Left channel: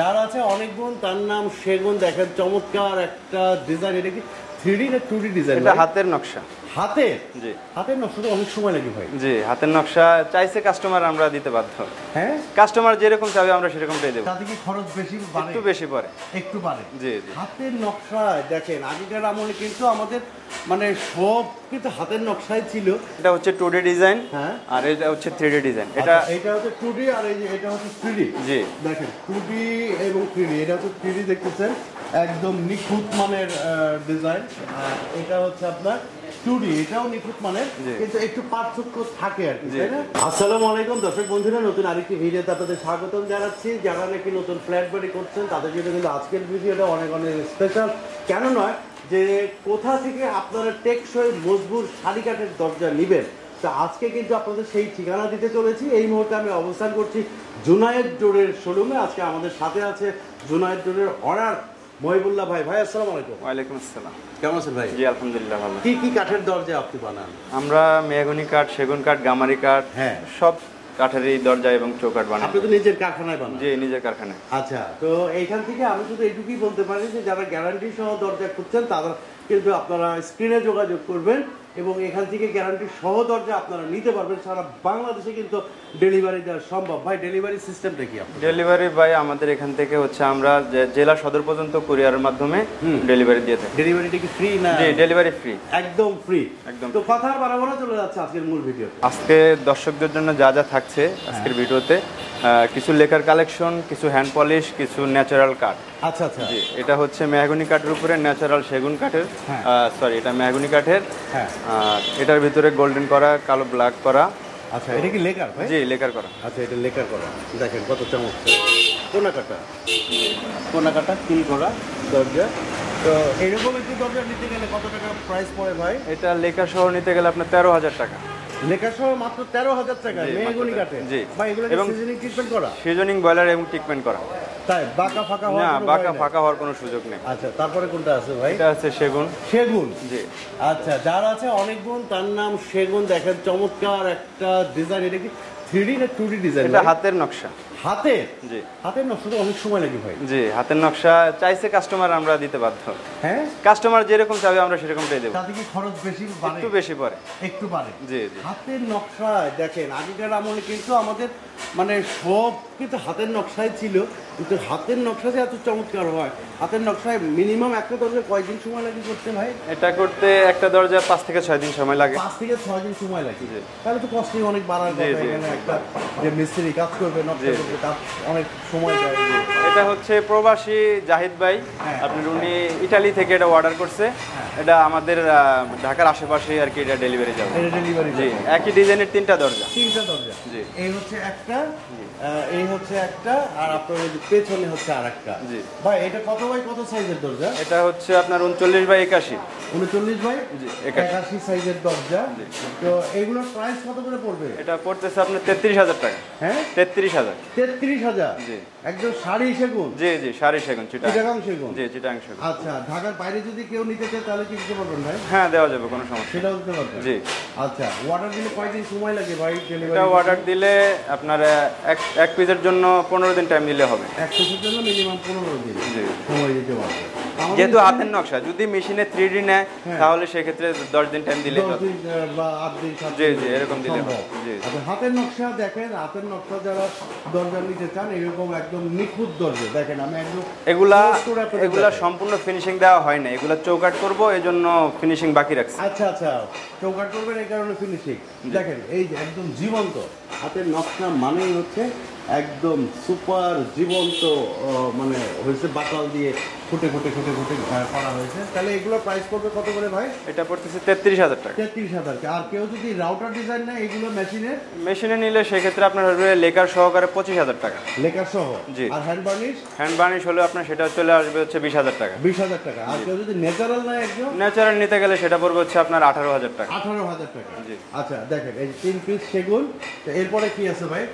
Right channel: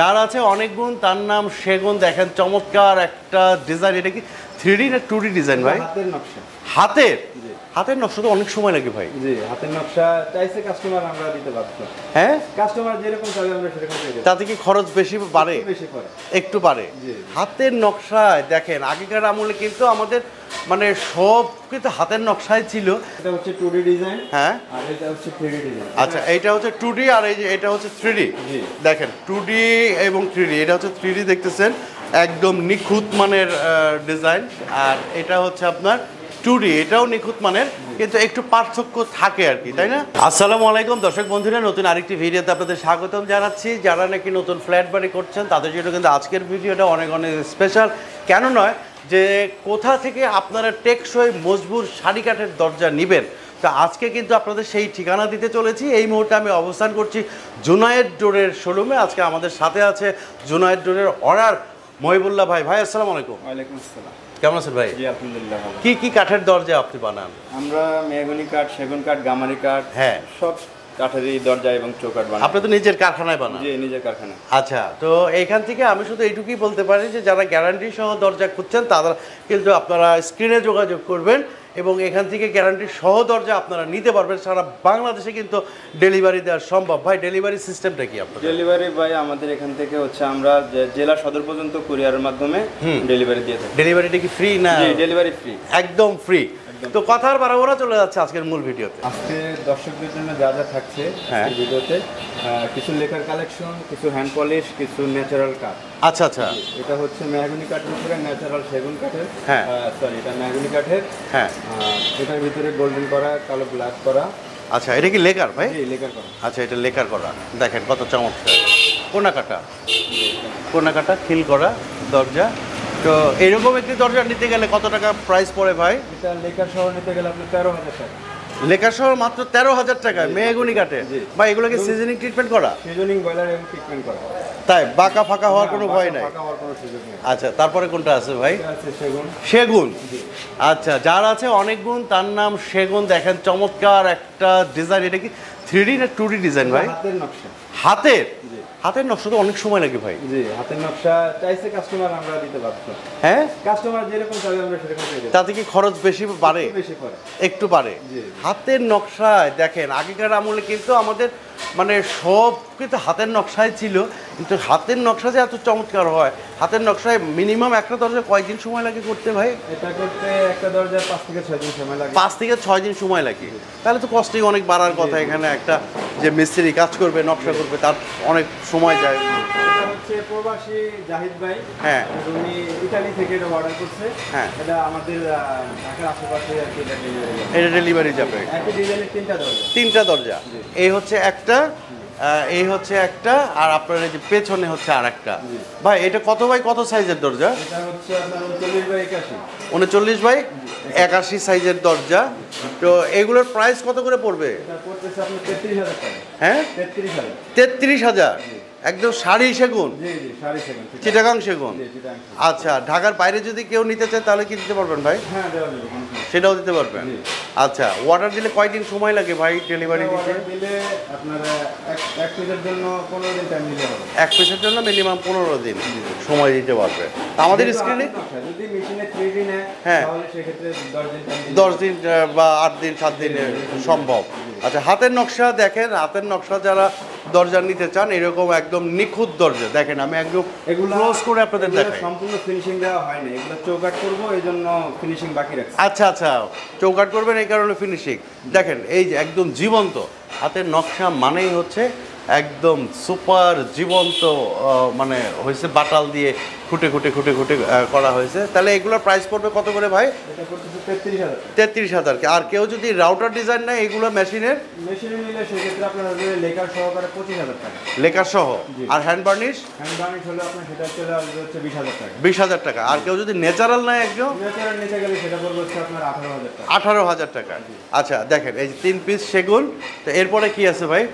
যার আছে অনেক গুণ, তার নাম সেগুন। দেখেন চমৎকার একটা ডিজাইন। এটা কি 3D না 2D ডিজাইন ভাই? হাতের নকশা। হাতের? জি। হাতের নকশা তো অনেক সময় লাগে ভাই। জি, হাতের নকশা চাইছে কাস্টমার, আমরা দিতে বাধ্য। হ্যাঁ, কাস্টমার যেরকম চাবে আমরা সেরকমটাই দেব। তাতে কি খরচ বেশি বাড়ে? একটু বেশি পড়ে। একটু বাড়ে। জি। হাতের নকশায় দেখেন আগেকার আমলে কিন্তু আমাদের মানে সব কিন্তু হাতের নকশায় ছিল। এটা হচ্ছে 2D ডিজাইন। হ্যাঁ, আর এটা হচ্ছে 3D ডিজাইন। আচ্ছা, এটা হচ্ছে 2D আর এই যে এটা হচ্ছে 3D। জি। দেখেন 2D এবং 3D, এটা হচ্ছে 3D দেখতেছেন, একদম নিখুঁত মানের ডিজাইন। আর এটা হচ্ছে আপনার 2D, এটাও নিখুঁত মানের, কিন্তু একটু পার্থক্য থাকে আর কি, তাই না? আসসালামু আলাইকুম দর্শক বন্ধুরা, নতুন আরেকটি ভিডিওতে আপনাদের স্বাগতম জানাচ্ছি। যারা নাকি নতুন ফ্ল্যাট বাড়ি করছেন তাদের জন্য কিন্তু আজকের ভিডিওটা অনেক অনেক স্পেশাল। কেন নয়, যে কোথা থেকে আপনারা টেকসই মজবুত সারি কাঠের দরজা নেবেন, তো আজকে কিন্তু আপনাদের সেই ঠিকানা দিতে চলেছি। এই মুহূর্তে আমি অবস্থান করছি জুনায়েদ ডোরের শোরুমে। আজকে আমাদের সাথে আছে জুনায়েদ ডোরের অনার মহিবুল্লাহ ভাই। ভাই আসসালামু আলাইকুম। ওয়ালাইকুম আসসালাম। কেমন আছেন ভাই? জি আলহামদুলিল্লাহ ভালো। কি কি কাঠের দরজা আপনি বানান? আমরা মেহগনি কাঠ, সেগুন কাঠ, গামারি কাঠ, হ্যাঁ, সব কাঠেরই দরজা এবং চৌকাঠ বানাই। আপনি তো নিজের কারখানায় বানান? জি, নিজের কারখানায়। আচ্ছা, তো এইখান থেকে আমি শুধু এইটুকুই বলতে পারি যে যারা গ্যারান্টি সহ দরজা খুঁজছেন তারা কিন্তু আপনারা স্ক্রিনে যোগাযোগ করবেন এবং এখান থেকে গ্যারান্টি সহ দরজা আপনারা নিতে পারবেন। সারা বাংলাদেশে কিন্তু ডেলিভারি দেওয়া সম্ভব। ভাই ডেলিভারি সিস্টেমটা কি আপনার? ডেলিভারি ভাই আমাদের এখান থেকে হচ্ছে আমরা জেলা সদর পর্যন্ত কুরিয়ারের মাধ্যমে ডেলিভারি দিয়ে থাকি। ডেলিভারিটা কি ফ্রি না? জি, ডেলিভারি ফ্রি, একদম ফ্রি। একদম। তো কথা আর বাড়াবো না, চলে যাচ্ছে আজকের মূল ভিডিওতে। আজকে দর্শকদের জন্য যা যা থাকছে আজকের ভিডিওতে, কিছু লেকার কালেকশন, কিছু হ্যান্ড পলিশ, কিছু ন্যাচারাল কাঠ। আচ্ছা আচ্ছা, এটা হচ্ছে মেহগনি কাঠের উপরে ন্যাচারাল সেগুন কাঠের, সরি এটা মেহগনি কাঠের। হ্যাঁ, আর এটার ভিতরে গোল্ডেন করা, কালো ব্ল্যাক করা। আচ্ছা, এটা কি লেকার ভাই? জি, লেকার করা। আচ্ছা, এটা লেকার করা। দেখেন কত চমৎকার কোনা কাটা, কোনা কাটা খিল করা দরজা। তো এরকম একটি দরজা নিতে গেলে কত টাকা প্রাইস পড়ে ভাই? এটা লেকার সহ নিতে গেলে আপনার 13,000 টাকা। লেকার সহ মাত্র 13,000 টাকা মেহগনি কাঠে? জি। ভাই এগুলো কি সিজনিং ট্রিটমেন্ট করা? সিজনিং বয়লার এবং ট্রিটমেন্ট করা। তাই বাঁকা ফাঁকা হওয়ার কোনো ভয় নেই? ফাঁকা হওয়ার কোনো সুযোগ নেই। আচ্ছা, তারপরে কোনটা আছে ভাই? এটা আছে সেগুন। সেগুন? জি। আচ্ছা, যার আছে অনেক গুণ, তার নাম সেগুন। দেখেন চমৎকার একটা ডিজাইন। এটা কি 3D না 2D ডিজাইন ভাই? হাতের নকশা। হাতের? জি। হাতের নকশা তো অনেক সময় লাগে ভাই। জি, হাতের নকশা চাইছে কাস্টমার, আমরা দিতে বাধ্য। হ্যাঁ, কাস্টমার যেরকম চাবে আমরা সেরকমটাই দেব। তাতে কি খরচ বেশি বাড়ে? একটু বেশি পড়ে। একটু বাড়ে। জি। হাতের নকশায় দেখেন আগেকার আমলে কিন্তু আমাদের মানে সব কিন্তু হাতের নকশায় ছিল, কিন্তু হাতের নকশা যে এত চমৎকার হয়। হাতের নকশায় মিনিমাম একটা দরজা কয়দিন সময় লাগে করতে ভাই? এটা করতে একটা দরজা 5 থেকে 6 দিন সময় লাগে। 5 থেকে 6 দিন সময় লাগে? তাহলে তো কস্টিং অনেক বাড়ার কথা। এখানে একটা যে মিস্ত্রি কাজ করবে, নকশা করবে, তার অনেক সময় যায়। এটা হচ্ছে প্রবাসী জাহিদ ভাই, হ্যাঁ, আপনার উনি ইতালি থেকে এটা অর্ডার করছে। হ্যাঁ, এটা আমাদের ঢাকার আশেপাশে আর কি এটা ডেলিভারি যাবে। এটা ডেলিভারি যাবে। একই ডিজাইনের 3টা দরজা। 3টা দরজা। এই হচ্ছে একটা, এই হচ্ছে একটা, আর আপনার এই যে পেছনে হচ্ছে আরেকটা। ভাই এটা কত বাই কত সাইজের দরজা? এটা হচ্ছে আপনার 39 বাই 81। 39 বাই 81 সাইজের দরজা। তো এগুলোর প্রাইস কত করে পড়বে? এটা পড়তেছে আপনার 33,000 টাকা। হ্যাঁ, 33,000। 33,000? একদম সারি সেগুন? জি জি, সারি সেগুন, চিটাগাং সেগুন। জি, চিটাগাং সেগুন। আচ্ছা, ঢাকার বাইরে যদি কেউ নিতে চায় তাহলে কি দিতে পারবেন ভাই? হ্যাঁ, দেওয়া যাবে, কোনো সমস্যা। সেটাও দিতে পারবেন? জি। আচ্ছা, অর্ডার দিলে কয়দিন সময় লাগে ভাই ডেলিভারি? অর্ডার দিলে আপনার এক পিসের জন্য 15 দিন টাইম দিলে হবে। এক পিসের জন্য মিনিমাম 15 দিন সময় দিতে পারবে। আমাদের হাতের নকশা যদি মেশিনে 3D নেয় তাহলে সেক্ষেত্রে 10 দিন টাইম দিলে 10 দিন বা 8 দিন 7 দিন এরকম সম্ভব। আচ্ছা, হাতের নকশা দেখেন, হাতের নকশা যারা দরজা নিতে চান এরকম একদম নিখুঁত দরজা দেখেন। আমি একদম এগুলা করে আপনাদের দেখাই। সম্পূর্ণ ফিনিশিং দেওয়া হয় না, এগুলা চৌকাট করব এই জন্য ফিনিশিং বাকি রাখছি। আচ্ছা আচ্ছা, চৌকাট করবেন এই কারণে ফিনিশিং। দেখেন এই যে একদম জীবন্ত হাতের নকশা মানেই হচ্ছে একদম সুপার জীবন্ত, মানে হয়েছে বাটাল দিয়ে খুঁটে খুঁটে খুঁটে খুঁটে করা হয়েছে। তাহলে এগুলোর প্রাইস পড়বে কত করে ভাই? এটা পড়তেছে 33,000 টাকা। 33,000। আর কেউ যদি রাউটার ডিজাইন নেয় এগুলো মেশিনে নিলে সেক্ষেত্রে আপনার হবে লেকার সহকারে 25,000 টাকা। লেকার সহ? জি। আর হ্যান্ড বার্নিশ? হ্যান্ড বার্নিশ হলে আপনার সেটা চলে আসবে হচ্ছে 20,000 টাকা। 20,000 টাকা। আর কেউ যদি ন্যাচারাল নেয় একদম? ন্যাচারাল নিতে গেলে সেটা পড়বে হচ্ছে আপনার 18,000 টাকা। 18,000 টাকা। আচ্ছা, দেখেন এই যে 3 পিস সেগুন। তো এরপরে কি আছে ভাই?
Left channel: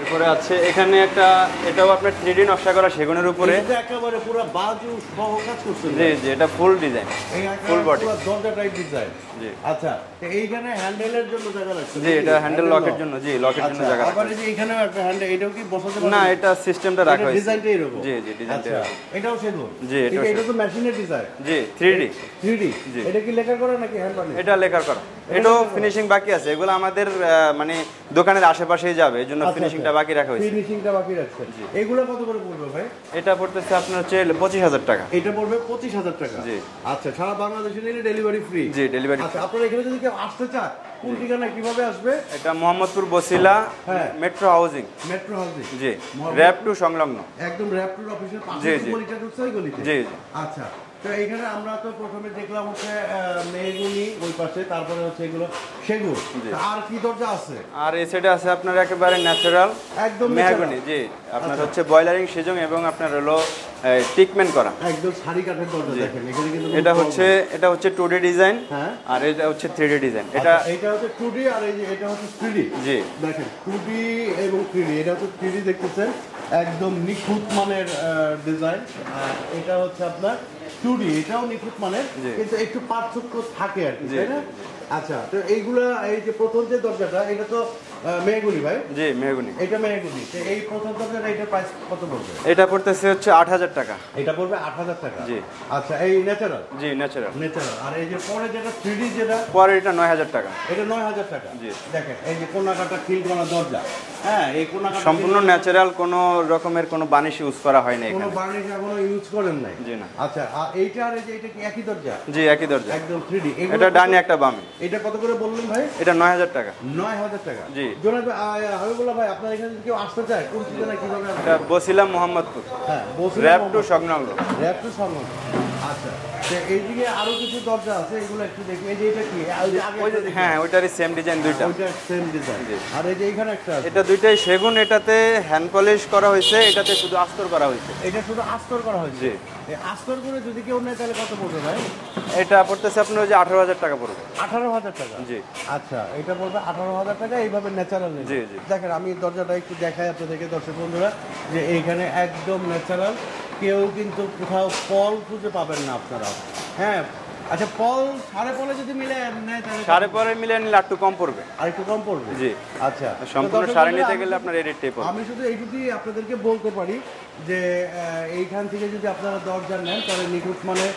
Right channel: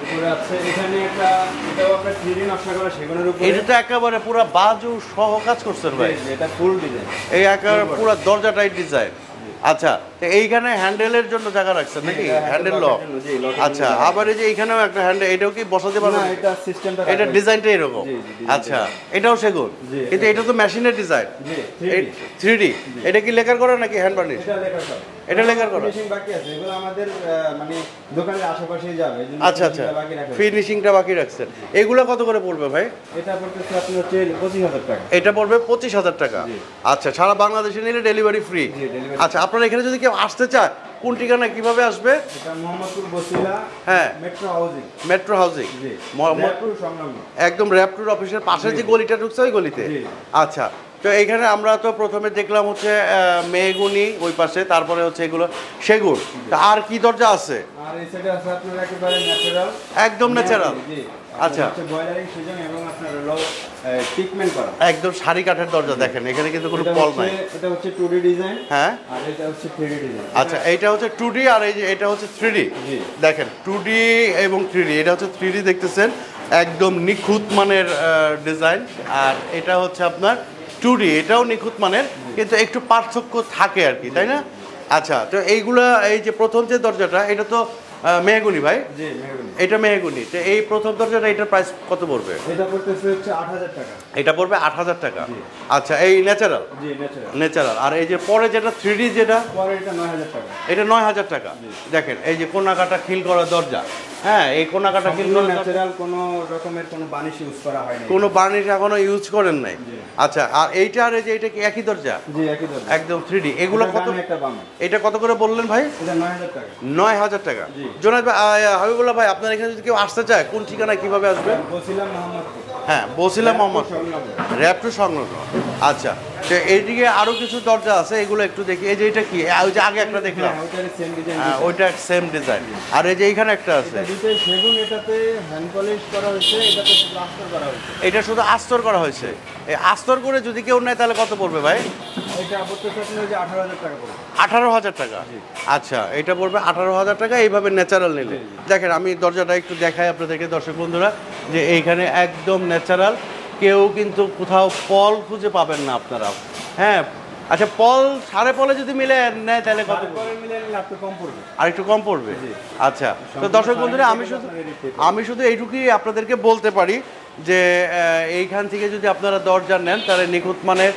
এরপরে আছে এখানে একটা, এটাও আপনার 3D নকশা করা সেগুনের উপরে। এটা একেবারে পুরো বাজু সহ কাজ করছেন ভাই? জি, এটা ফুল ডিজাইন। এই একেবারে পুরো দরজাটাই ডিজাইন। আচ্ছা, তো এইখানে হ্যান্ডেলের জন্য জায়গা রাখছেন জি, নাকি? এটা হ্যান্ডেল হ্যান্ডেল লকের লক। জন্য, জি, লকের জন্য আচ্ছা, জায়গা আবার এই যে এইখানেও একটা হ্যান্ডেল, এটাও কি বসাতে পারবেন? না, এটা সিস্টেমটা রাখা এটা হয়েছে। ডিজাইনটা এরকম। জি, জি, ডিজাইনটা আচ্ছা, এরকম। এটাও সেগুন। জি, কিন্তু এটাও এটা তো মেশিনের ডিজাইন। জি, 3D 3D। এটা কি লেকার করা নাকি হ্যান্ড বার্নিশ? এটা লেখার করা। এটা এটা লেখার করা। ফিনিশিং বাকি আছে, এগুলো আমাদের মানে দোকানের আশেপাশেই যাবে, এজন্য আচ্ছা, ফিনিশিংটা বাকি রাখা হয়েছে। ফিনিশিংটা বাকি রাখছেন। এগুলো কত করে পড়বে ভাই? এটা পড়তেছে আপনার হচ্ছে 25,000 টাকা। এটা পড়বে 25,000 টাকা। জি। আচ্ছা, সারা বাংলাদেশে নিলে ডেলিভারি ফ্রি। জি, ডেলিভারি। আচ্ছা, আপনারা এখানে যদি কেউ আসতে চায়, কোন ঠিকানা কিভাবে আসবে? এটা মোহাম্মদপুর বসিলা, হ্যাঁ, মেট্রো হাউজিং। Metro housing. জি, মোহাম্মদপুর র‍্যাপ টু সংলগ্ন। একদম র‍্যাপটুর অফিসের পাশে জি, যে জি। গলিটা ঢুকছে ওই গলিতে। জি। আচ্ছা, তো এখানে আমরা তো প্রথমে দেখলাম হচ্ছে মেহগুনি ওই পাশে, তারপরে হচ্ছে এগুলো সেগুন। তা আর কি দরজা আছে? আর এই সাইডে আছে আপনার একেবারে ন্যাচারাল, একদম ন্যাচারাল। জি, আচ্ছা, আচ্ছা, হচ্ছে বয়লারিং সেজং এবং আপনার হলো ট্রিটমেন্ট করা। একদম সারি কাঠের দরজা। দেখেন এখানে কিন্তু কোনো এটা ফল হচ্ছে নাই। এটা হচ্ছে 2D ডিজাইন। হ্যাঁ, আর এটা হচ্ছে 3D ডিজাইন। আচ্ছা, এটা হচ্ছে 2D আর এই যে এটা হচ্ছে 3D। জি। দেখেন 2D এবং 3D, এটা হচ্ছে 3D দেখতেছেন, একদম নিখুঁত মানের ডিজাইন। আর এটা হচ্ছে আপনার 2D, এটাও নিখুঁত মানের, কিন্তু একটু পার্থক্য থাকে আর কি, তাই না? আচ্ছা, তো এইগুলা, এই যে প্রথম যে দরজাটা, এটা তো মেহগুনি ভাই। জি, মেহগনি। এটা মেহগুনি। তো এই প্রথম দরজাটা, এটার প্রাইস কত পড়বে? এটা পড়তেছে হচ্ছে 8,000 টাকা। এটা পড়বে 8,000 টাকা। জি। আচ্ছা, এই ন্যাচারাল। জি, ন্যাচারাল। ন্যাচারাল। আর এই যে পরে যেটা 3D, যেটা পরে এটা 9,000 টাকা। এটা 9,000 টাকা। জি। দেখেন এই যে কোনাকাটা খিল করা দরজা। হ্যাঁ, এই কোনাকাটা সম্পূর্ণ ন্যাচারাল, কোনো রকমের কোনো বানিশ ইউজ করা হয় না। কোনো বার্নিশ এখনো ইউজ করেন নাই? জি না। আচ্ছা, আর এইটা আর এই যে এটা কি একই দরজা? জি, একই দরজা, একদম 3D। এগুলো এটা ডানে একটা বামে। এটা কত করে বললেন ভাই? এটা 9,000 টাকা। 9,000 টাকা। জি। জোনায়েদ ভাই, হাবিবুল্লাহ ভাই, আপনার এখানে যদি কেউ আসতে চায়, কোন ঠিকানায় কিভাবে আসবে? এটা বসিলাম মোহাম্মদপুর, হ্যাঁ, বসিলাম র‍্যাপ টু মোহাম্মদ সংলগ্ন। র‍্যাপটু সংলগ্ন। আচ্ছা, তো এইদিকে আরো কিছু দরজা আছে, এগুলো একটু দেখি। এই যে এটা কি? ওই যে আগে একটা দেখলাম। হ্যাঁ, ওইটারই সেম ডিজাইন দুইটা। ওইটা সেম ডিজাইন। আর এই যে এইখানে একটা আছে। এটা দুইটাই সেগুন, এটাতে হ্যান্ড পলিশ করা হয়েছে, এটাতে শুধু আস্তর করা হয়েছে। এটা শুধু আস্তর করা হয়েছে। এই আস্তর করে যদি কেউ নেয় তাহলে কত পড়বে ভাই? এটা পড়তেছে আপনার ওই যে 18,000 টাকা পড়বে। 18,000 টাকা। জি। আচ্ছা, এটা পড়বে 18,000 টাকা এইভাবে ন্যাচারাল নিলে। জি, জি। দেখেন আমি দরজাটা একটু দেখাই আপনাদেরকে দর্শক বন্ধুরা, যে এইখানে একদম ন্যাচারাল, কেউ কিন্তু কোথাও পল খুঁজে পাবেন না আপনারা। হ্যাঁ, আচ্ছা, পল সাড়ে পলে যদি মিলে নেয় তাহলে সাড়ে পরে মিলে নিলে একটু কম পড়বে। আর একটু কম পড়বে। জি। আচ্ছা, তো সম্পূর্ণ দর্শক সাড়ে বন্ধুরা, নিতে আমি গেলে শুধু- আপনার এই রেটটাই পড়বে। আমি শুধু এইটুকুই আপনাদেরকে বলতে পারি যে এইখান থেকে যদি আপনারা দরজা নেন, তাহলে নিখুঁত মানের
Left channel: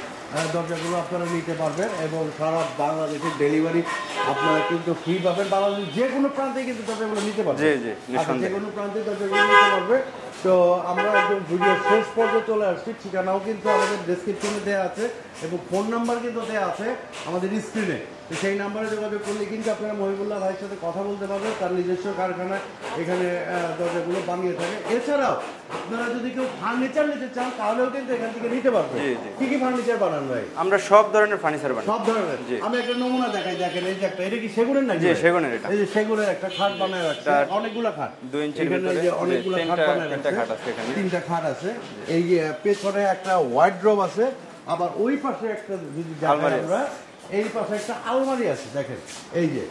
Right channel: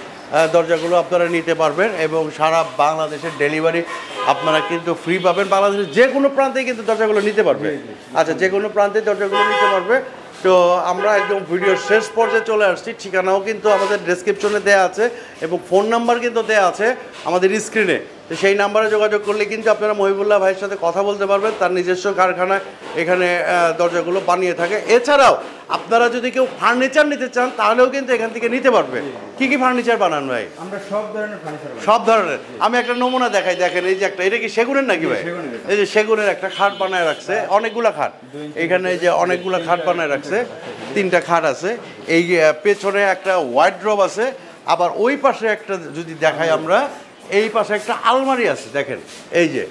দরজাগুলো আপনারা নিতে পারবেন এবং সারা বাংলাদেশের ডেলিভারি আপনারা কিন্তু ফ্রি পাবেন। বাংলাদেশের যে কোনো প্রান্তেই কিন্তু দরজাগুলো নিতে পারবে। জি, জি, আচ্ছা, যে কোনো প্রান্তে দরজাগুলো নিতে পারবে। তো আমরা একদম ভিডিওর শেষ পর্যায়ে চলে আসছি। ঠিকানাও কিন্তু আমাদের ডেসক্রিপশনে দেওয়া আছে এবং ফোন নাম্বার কিন্তু দেওয়া আছে আমাদের স্ক্রিনে। তো সেই নাম্বারে যোগাযোগ করলে কিন্তু আপনারা মহিবুল্লাহ ভাইয়ের সাথে কথা বলতে পারবেন। তার নিজস্ব কারখানায় এখানে দরজাগুলো বানিয়ে থাকে। এছাড়াও আপনারা যদি কেউ ফার্নিচার নিতে চান, তাহলেও কিন্তু এখান থেকে নিতে পারবেন। জি, কি কি ফার্নিচার বানান ভাই? আমরা সব ধরনের ফার্নিচার বানাই। সব ধরনের। আমি একটা নমুনা দেখাই, দেখেন এই যে একটা, এটা কি সেগুনের নাকি জি, ভাই? সেগুনের এটা। এই যে সেগুনের একটা খাট বানায় রাখছে, অনেকগুলা খাট। 2 ইঞ্চির এখানে এই যে ভিতরে অনেকগুলা তিনটা- খাট বানায় রাখছে, তিনটা খাট আছে এখানে। 3টা খাট আছে। এই পেছনে একটা ওয়ার্ডরোব আছে, আবার ওই পাশে একটা যদি দেখাই আমরা, এই পাশে একটা আলমারি আছে। দেখেন এই যে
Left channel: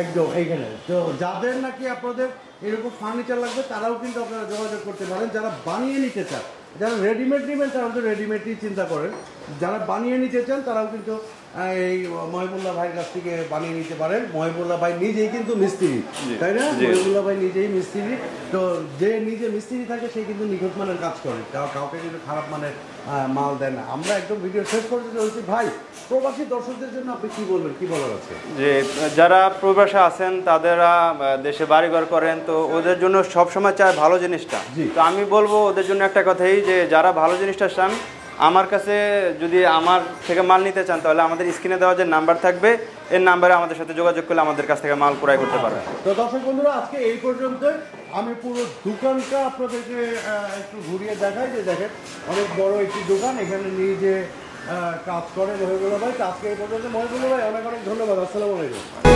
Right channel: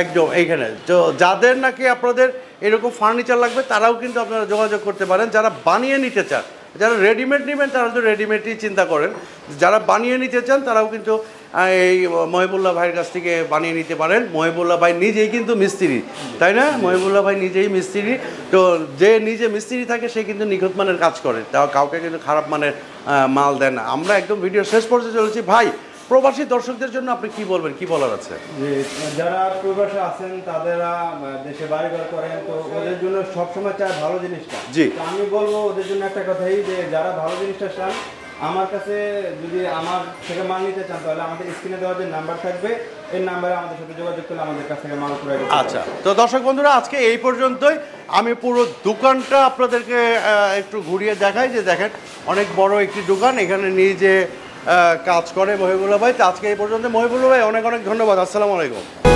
একদম এইখানে। তো যাদের নাকি আপনাদের এরকম ফার্নিচার লাগবে, তারাও কিন্তু আপনারা যোগাযোগ করতে পারেন। যারা বানিয়ে নিতে চান, যারা রেডিমেড নেবেন, তারা তো রেডিমেডই চিন্তা করেন। যারা বানিয়ে নিতে চান, তারাও কিন্তু এই মহিবুল্লাহ ভাইয়ের কাছ থেকে বানিয়ে নিতে পারেন। মহিবুল্লাহ ভাই নিজেই কিন্তু মিস্ত্রি, তাই না? মহিবুল্লাহ ভাই নিজেই মিস্ত্রি। তো যে নিজে মিস্ত্রি থাকে, সে কিন্তু নিখুঁত মানের কাজ করে, তাও কাউকে কিন্তু খারাপ মানের মাল দেন না। আমরা একদম ভিডিও শেষ পর্যায়ে চলেছি। ভাই, প্রবাসী দর্শকদের জন্য আপনি কি বলবেন, কি বলার আছে? যে যারা প্রবাসে আছেন, তাদেরা দেশে বাড়িঘর করেন, তো ওদের জন্য সবসময় চায় ভালো জিনিসটা। জি। তো আমি বলবো ওদের জন্য একটা কথাই, যে যারা ভালো জিনিসটা চান, আমার কাছে যদি আমার থেকে মাল নিতে চান, তাহলে আমাদের স্ক্রিনে দেওয়া যে নাম্বার থাকবে, এই নাম্বারে আমাদের সাথে যোগাযোগ করলে আমাদের কাছ থেকে মাল ক্রয় করতে আচ্ছা, পারবেন। তো দর্শক বন্ধুরা, আজকে এই পর্যন্তই। আমি পুরো দোকানটা আপনাদেরকে একটু ঘুরিয়ে দেখাই। যে দেখেন, অনেক বড় একটি দোকান, এখানে নিজে কাজ করে মহিবুল্লাহ ভাই। তো আজকে এই পর্যন্ত। মহিবুল্লাহ ভাই, অনেক অনেক ধন্যবাদ। আসসালামু আলাইকুম।